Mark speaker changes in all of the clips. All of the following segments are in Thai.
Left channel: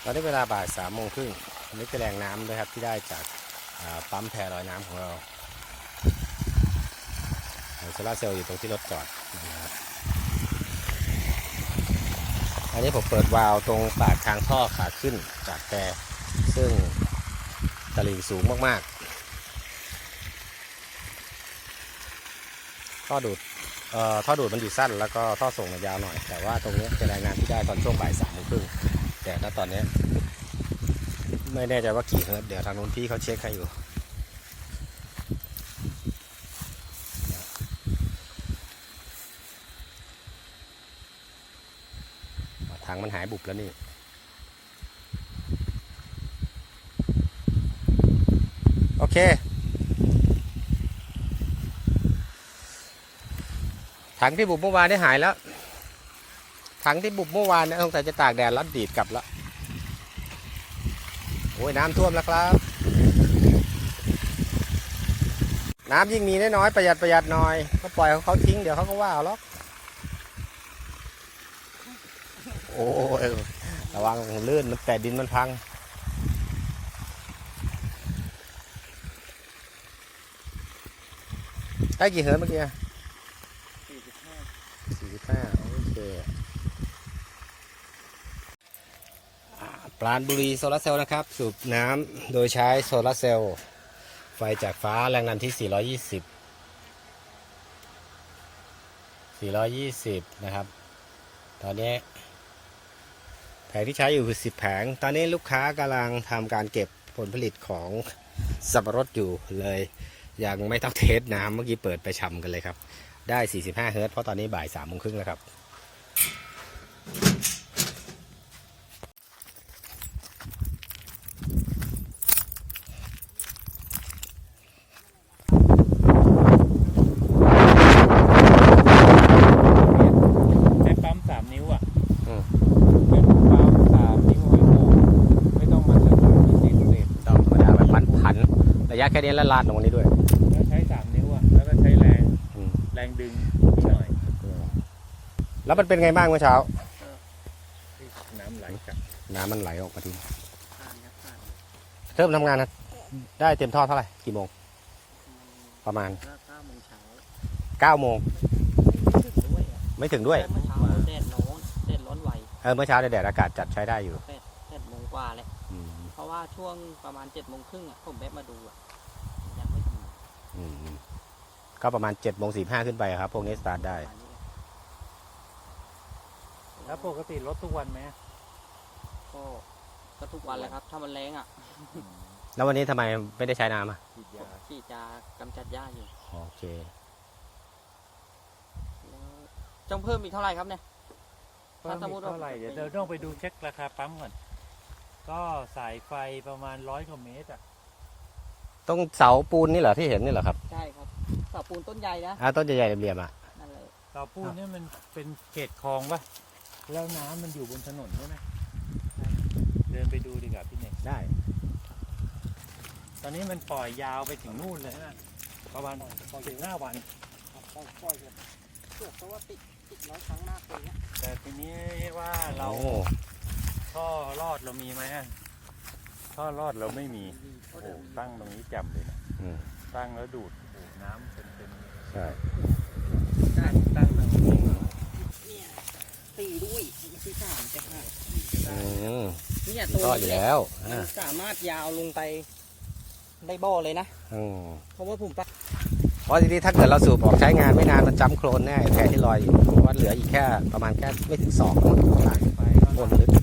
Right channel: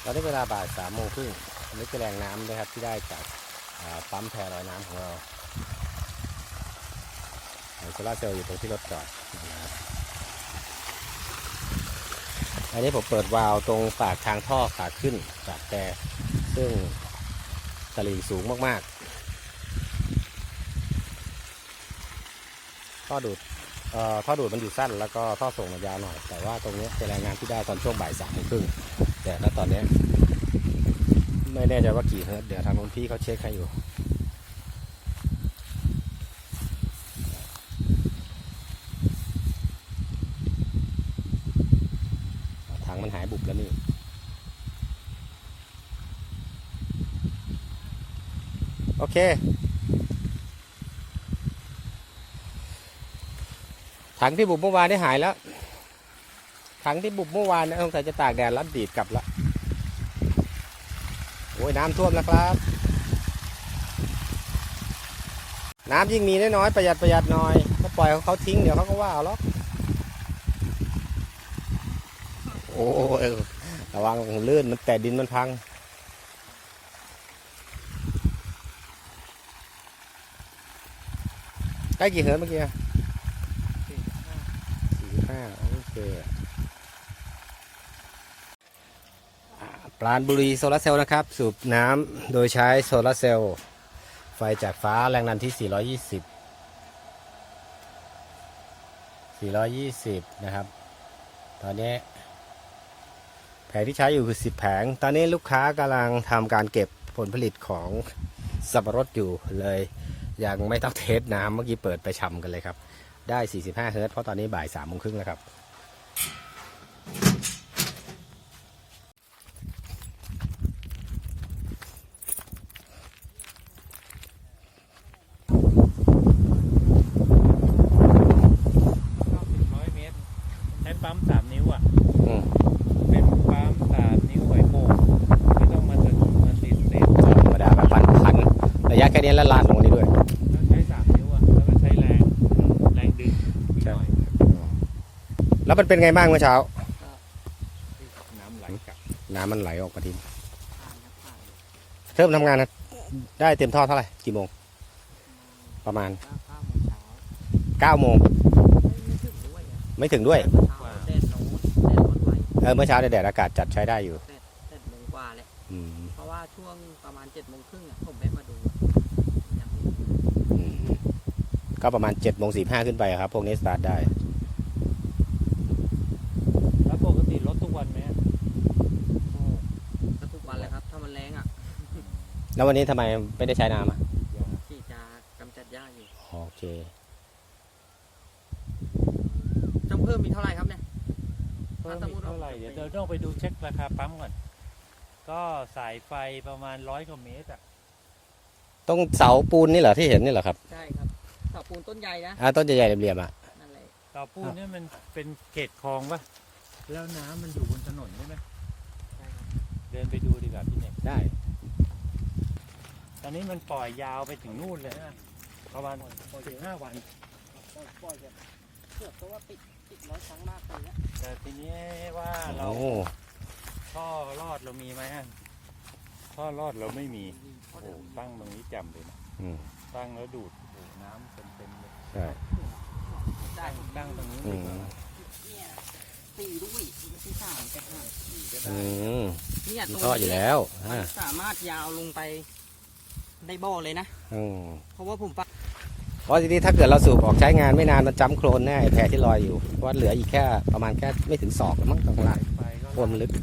Speaker 1: ตอนนี้เวลาบ่าย3:30อันนี้คือแรงน้ำนะครับที่ได้จากปั๊มแพลอยน้ำของเราโซลาร์เซลล์อยู่ตรงที่รถจอดนะครับอันนี้ผมเปิดวาล์วตรงปากทางท่อขาขึ้นจากแต่ซึ่งตลิ่งสูงมากๆท่อดูดมันอยู่สั้นแล้วก็ท่อส่งมันยาวหน่อยแต่ว่าตรงนี้เป็นรายงานที่ได้ตอนช่วงบ่าย3:30แต่ณตอนนี้ไม่แน่ใจว่ากี่เฮิร์ตเดี๋ยวทางนู้นพี่เขาเช็คให้อยู่ถังมันหายบุบแล้วนี่โอเคถังที่บุบเมื่อวานได้หายแล้วถังที่บุบเมื่อวานสงสัยจะตากแดดแล้วดีดกลับแล้วโอ้ยน้ำท่วมแล้วครับน้ำยิ่งมีน้อยๆประหยัดหน่อยก็ปล่อยเขาทิ้งเดี๋ยวเขาก็ว่าเอาหรอกโอ้ยระวังลื่นมันแต่ดินมันพังได้กี่เฮิร์ตเมื่อกี้45โอเคปราณบุรีโซลาร์เซลล์นะครับสูบน้ำโดยใช้โซลาร์เซลล์ไฟจากฟ้าแรงดันที่420นะครับตอนนี้แผงที่ใช้อยู่คือ10 แผงตอนนี้ลูกค้ากำลังทำการเก็บผลผลิตของสับปะรดอยู่เลยยังไม่ต้องเทสน้ำเมื่อกี้เปิดไปชำกันเลยครับได้45 เฮิร์ตซ์เพราะตอนนี้บ่าย3:30แล้วครับ
Speaker 2: ใช้ปั๊ม3 นิ้วอ่ะเป็นปั๊ม3 นิ้วไวโฟไม่ต้องมาถึง40 ลิตร
Speaker 1: ธรรมดาแบบพันระยะแค่นี้แล้วลาดลงนี้ด้วย
Speaker 2: แล้วใช้3 นิ้วอ่ะแล้วก็ใช้แรงดึงหน่อย
Speaker 1: แล้วมันเป็นไงบ้างเมื่อเช้า
Speaker 2: น้ำไหลกลับ
Speaker 1: น้ำมันไหลออกมาทีเริ่มทำงานนะได้เต็มท่อเท่าไหร่กี่โมงประมาณ9 โมงไม่ถึงด้วยเมื่อเช้าแดดอากาศจัดใช้ได้อยู่
Speaker 3: 8 โมงกว่าแหละเพราะว่าช่วงประมาณ7:30ผมแวะมาดูยังไม่
Speaker 1: ก็ประมาณ7:45ขึ้นไปครับพวกนี้สตาร์ทได้
Speaker 2: แล้วปกติรถทุกวันไหม
Speaker 3: ก็ทุกวันแหละครับถ้ามันแรงอ่ะ
Speaker 1: แล้ววันนี้ทำไมไม่ได้ใช้น้ำอ่ะ
Speaker 3: ที่จะกำจัดหญ้าอยู่
Speaker 1: โอเค
Speaker 3: ต้องเพิ่มอีกเท่าไหร่ครับเนี่ย
Speaker 2: เพิ่มอีกเท่าไหร่เดี๋ยวเราต้องไปดูเช็คราคาปั๊มก่อนก็สายไฟประมาณ100 กว่าเมตรอ่ะ
Speaker 1: ต้องเสาปูนนี่เหรอที่เห็นนี่เหรอครับ
Speaker 3: ใช่ครับเสาปูนต้นใหญ่นะ
Speaker 1: ต้นใหญ่ๆเหลี่ยมๆอ่ะ
Speaker 2: เสาปูนเนี่ยมันเป็นเขตคลองป่ะแล้วน้ำมันอยู่บนถนนใช่ไหมเดินไปดูดีกว่าพี่เน็ก
Speaker 1: ได้
Speaker 2: ตอนนี้มันปล่อยยาวไปถึงนู่นเลยนะประมาณ15 วัน
Speaker 3: ปล่อยเกือบตัวติด100 ครั้งมากเลยเนี่ย
Speaker 2: แต่ทีนี้ว่าเราท่อรอดเรามีไหมท่อรอดเราไม่มีโอ้ตั้งตรงนี้จำเลยนะตั้งแล้วดูดโอ้น้ำเต็มเลย
Speaker 1: ใช่
Speaker 2: ตั้งตรงนี้
Speaker 3: ตีด้วยที่3แต่
Speaker 1: เนี่ยตัวอยู่แล้ว
Speaker 3: มันสามารถยาวลงไปได้บ่อเลยนะเพราะว่าผม
Speaker 1: เพราะทีนี้ถ้าเกิดเราสูบออกใช้งานไม่นานมันจ้ำโคลนแน่แพรที่ลอยอยู่เพราะเหลืออีกแค่ประมาณแค่ไม่ถึง2รวมมันลึก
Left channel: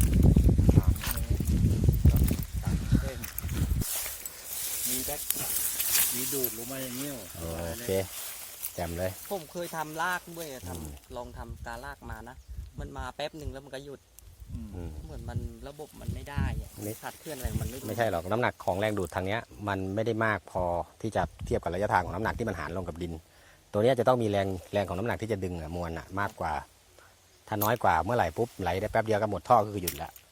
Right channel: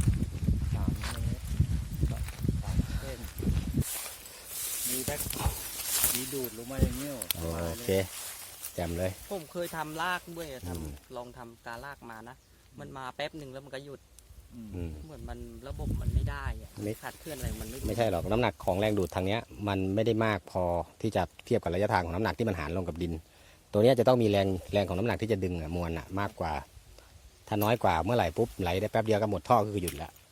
Speaker 2: มีดูดลงมาอย่างนี้
Speaker 1: โอเคแจ่มเลย
Speaker 3: ผมเคยทำลากด้วยลองทำการลากมานะมันมาแป๊บหนึ่งแล้วมันก็หยุดเหมือนมันระบบมันไม่ได้ขาดเคลื่อนอะไรมัน
Speaker 1: ไม่ใช่หรอกน้ำหนักของแรงดูดทางเนี้ยมันไม่ได้มากพอที่จะเทียบกับระยะทางของน้ำหนักที่มันหารลงกับดินตัวนี้จะต้องมีแรงของน้ำหนักที่จะดึงมวลมากกว่าถ้าน้อยกว่าเมื่อไหร่ปุ๊บไหลได้แป๊บเดียวก็หมดท่อก็คือหยุดละ